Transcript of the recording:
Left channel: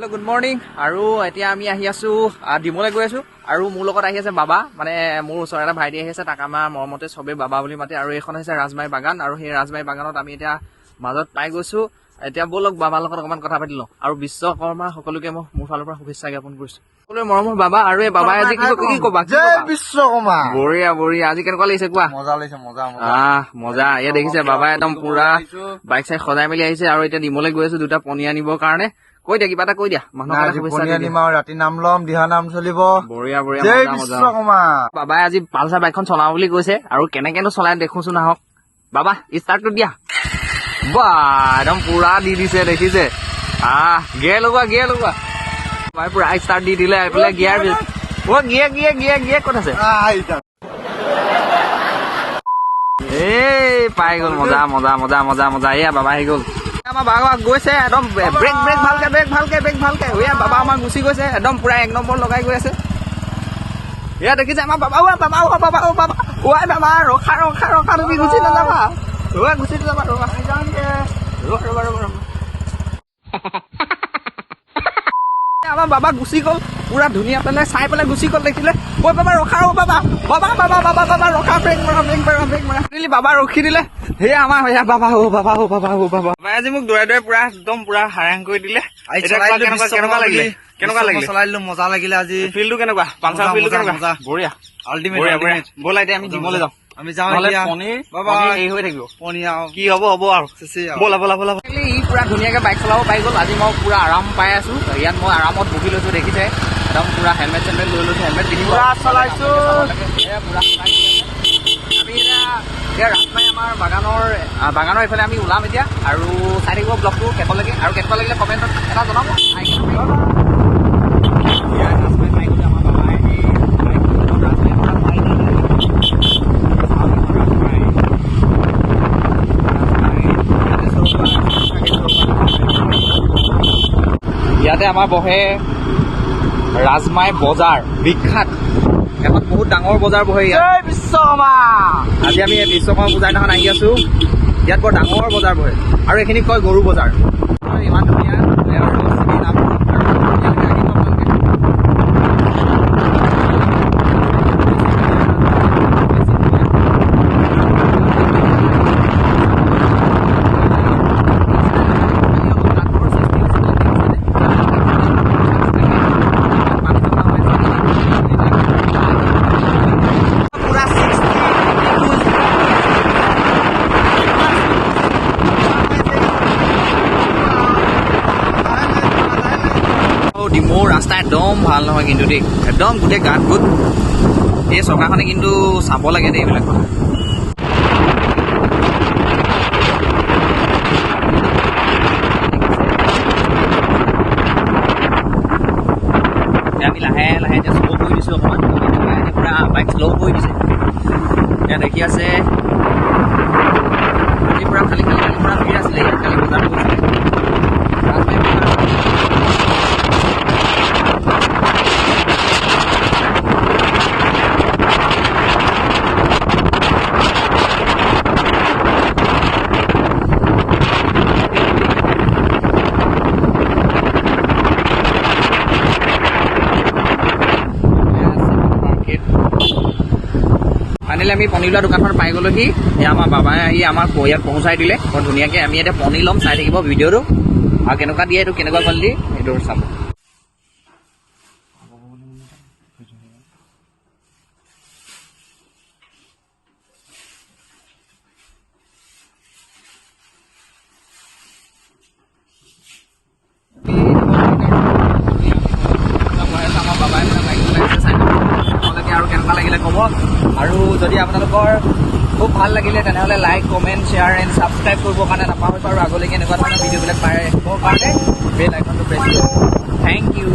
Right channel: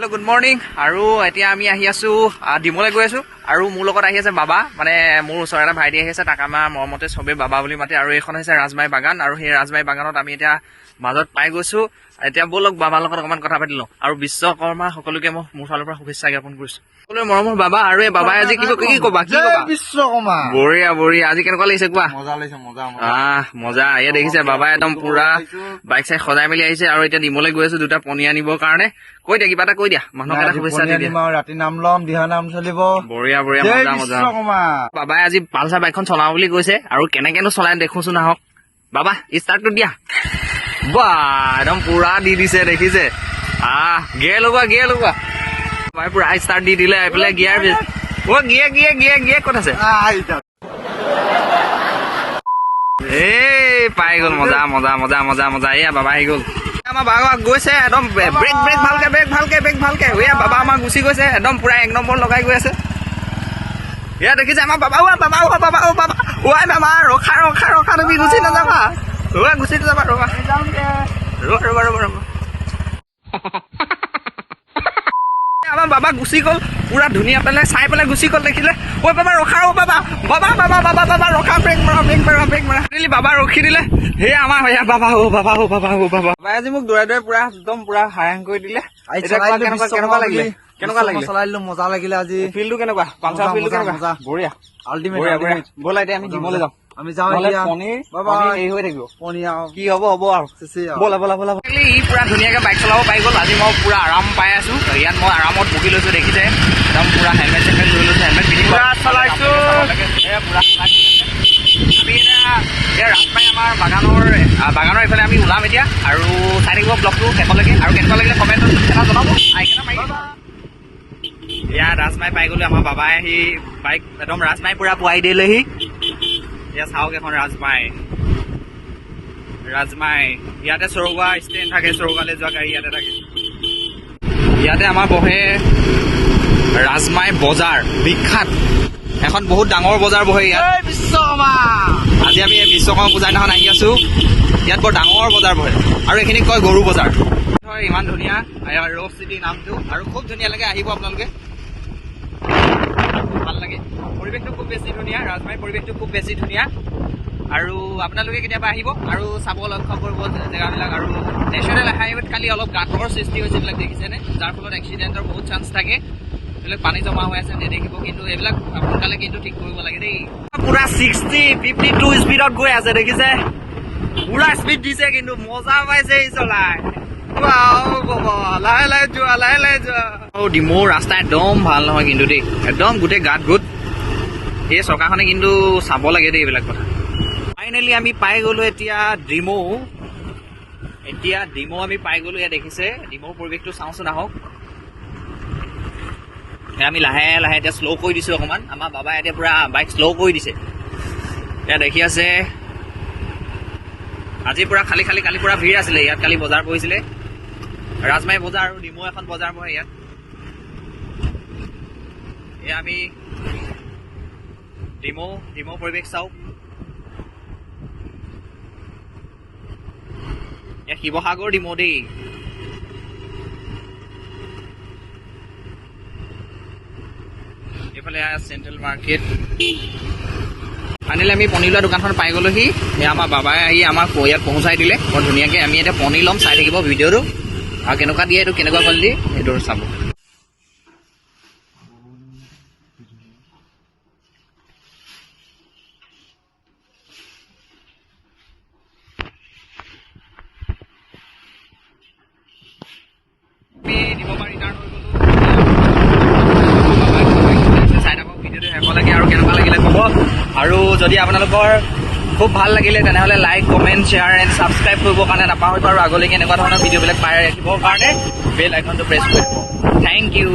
Hello' good morning. আৰু এতিয়া আমি আহি আছোঁ ডিমলৈ গৈ আছোঁ। আৰু মোৰ লগত আহি আছে বাবা, মানে মোৰ ওচৰৰ এটা ভাইটি আহি আছে, তাক আমাৰ মৰমতে চবেই বাবা বুলি মাতে। আৰু এইখন হৈছে ৰাজমাহী বাগান, আৰু সেই ৰাজমাহী বাগানত আমি এতিয়া মাজত পাই গৈছোঁ। এতিয়া ব'লক বাবাৰ লগত অকণমান কথা পাতি লওঁ। আৰু বিশ্বকৰ্মা সকলোকে মই মোৰ ফালৰ পৰা শুভেচ্ছা জ্ঞাপন কৰিছোঁ। সকলোৱে মৰমৰ বাবা। আৰু এই বাবাই আজি কি ক'বা? বিশ্বকৰ্মা বঢ়িয়া বঢ়িয়া। আজি কেনেকুৱা লাগিছে কোৱা? মজা লাগিছে, মজা মজা। এয়া দেখিছে বাবাই একদম পুৰা বাইক চাইক সজাই মেলি আহিছে। আৰু এতিয়া ডিমলৈ গৈ আছো দুটা পণী আনিবৰ কাৰণে। কৈ দিয়া, কিবা এটা কৈ দিয়া, মানুহক এটা শুভেচ্ছা দি দিয়া। ৰাতি নাম ল'ম, দিহা নাম চলিব। বঢ়িয়া বঢ়িয়া, জয় মজা মজা। বিশ্বকৰ্মা। বাবাই আজি পালচাৰ বাইকখন চলাও বুলি কৈছে, আৰু কেনেকেনো চলাই দেখোচোন আহক। বাবা ষ্টাৰ্টটো দিয়া। বাহ, একদম পুৰা দি দিছে দেখিছে। গিয়াৰ লগোৱা। বাবাই পুৰা ষ্টাৰ্ট দি দিলে। এইফালে গিয়াৰ গিয়াৰ ক'ত আছে? এই পাই গ'ল, মজা। এয়া বাবা আহি গ'ল। আমাৰ বাবা গৈছে একদম ব্ৰেক ভালকে। এয়া বাবা আমাৰ গুচি গৈছে একদম পুৰা 1 নম্বৰ লগাই গৈ আছে। এয়া দেখিছে আমাৰ বাবা। বাবা ৰখা, তুমি গুচি নাযাবা। ৰ'বা। আমাৰ বাবা গুচি গ'ল, পুৰা ধুনীয়া পেলাই চাই পেলাই গুচি গ'ল। দেখিলে বাবা ৰখা, বাবা ৰখা, ব্ৰেক মাৰা। বাবা ৰখি দিলে। সেয়া আমাৰ বাবা বাবাই আজি মোক দৌৰাই পুৰা একদম পুৰা হাৰাং কৰি দিলে। কেনেকুৱা লাগিলে? চলাই দিলো, মজা লাগিলে। আজি ফিল্ডটো কেনেকুৱা? পালচাৰ ফিল্ডটো কেনেকুৱা? বঢ়িয়া। আল্টিমেট। ব'লা এতিয়া আমি জিমলৈ যাওঁ। আমি যাওঁ পনীৰ হেৰি হৈ থাকিব। কি হ'ব আৰু। ব'লা। ই পুৰা ধুনীয়াকে বাইক চলাব পাই গ'ল। আজি মই পুৰা আৰাম পাই আছো। ইয়াত মই আৰামত বহি লৈছো, দেখিছে একদম পুৰা হেলমেট চেলমেট লৈ লৈছো। হেলমেট পিন্ধি পুৰা চলাইছো। আমি এতিয়া ৰাজমাহী আমাৰ বাগানৰ এইফালে আমি ওলাম এতিয়া। আৰু চাই থাকিব ব্লগটো শেষলৈকে। আৰু কেনেকুৱা লাগিলে কমেণ্টত এটা জনাব। এতিয়া ৰাজমাহী পাই গ'লো। আমাৰ বাবাই আহি বাইক একদম ৰাজমাহী পুৰা পোৱাই দিলেহি। এতিয়া চাওক এখন ৰাজমাহী। ইয়াতে চৌকা ষ্টেজ থাকে, চৌকালৈ যোৱা গাড়ী ইয়াতে থাকে। ইয়াতে আমাৰ বহে ৰাজমাহী বজাৰ, বিখ্যাত এখন বহুত ডাঙৰ বজাৰ বহে ইয়াত। আজি আমি বিশ্বকৰ্মা পূজাৰ দিনাখন আহি আছো। ইয়াত বৰ ডাঙৰ বজাৰ বহে, আৰু এইখিনিক কয় গৰু বজাৰ। ইমান ধুনীয়া আৰু চিটি নামটো, আৰু খুব ধুনীয়া লাগে। আহিব আপোনালোকে, ভাল লাগে। খুব বেছি ধুনীয়া, ৰাজমাহী পৰিৱেশটো খুব বেছি ধুনীয়া। আৰু আপোনালোকে কেতিয়াবা আহিব আৰু চাবলৈ জেগাবিলাক। আৰু নেচাৰেল আহে, খালি অলপ গাঁতৰ সৃষ্টি হৈছে বিলাক দেখিছেনে? যাৰ ফলত এক্সিডেণ্টৰ বহুত চান্স থাকে। এইবিলাক পানী জমা হৈ আছে দেখিছোঁ, কিন্তু এইবিলাক সোনকালে কিন্তু দেখিব নালাগে দেই। পুৰা 60, 52 স্পীডত গৈ আছে, দেখিছে? পুৰা স্পীড দিছে, কিন্তু মজা পাইছে এই চলাই। লাহে যোৱা। ডিমৌৰ ৰাস্তা একদম ভাল নহয় কিন্তু দেই, একদম গোটেই গাঁত গোট। এই চৰকাৰখনে কিন্তু চাব লাগে দেই এইবিলাক কথা। আমি পাই গ'লো এতিয়া ডিমৌ। দেখিছে আমি লাহে এতিয়া শ্ল' কৰি দিছোঁ অকণমান। আমাৰ বাবাই এতিয়া পুৰা বাইক শ্ল' কৰি দিছে। এতিয়া দেখি আছে আজি পুৰা কালি পুৰা ভিৰ আছিলে ইয়াত। কালি বজাৰ কৰিছিলে, ৰাজমাহী বজাৰ। ফাইনেলি আমি পনীৰ লোৱা দোকানখন পাই গ'লোহি। সেয়া আমাৰ বাবাই আহি আমাক ইয়াত পহুচাই দিলে বৰ ধুনীয়াকৈ। আমি এতিয়া পনীৰ ল'ম, চাই থাকিব ভিডিঅ'টো। আৰু কেনেকুৱা দিয়ে এইটো, কেনেকুৱা কোৱালিটি সেইটো চাব। আৰু কেনেকুৱা লাগিলে ক'ব। আৰু যদি আপোনালোকৰ খুব ভাল লাগিলে তেনেহ'লে like, comment, share and subscribe কৰিবৰ কাৰণে নাপাহৰিব। আৰু আগলৈকে এনেকুৱা ধৰণৰ ভিডিঅ'বিলাক পাই ৰাখিবৰ কাৰণে বেল আইকনটো প্ৰেছ কৰিব। Thank U.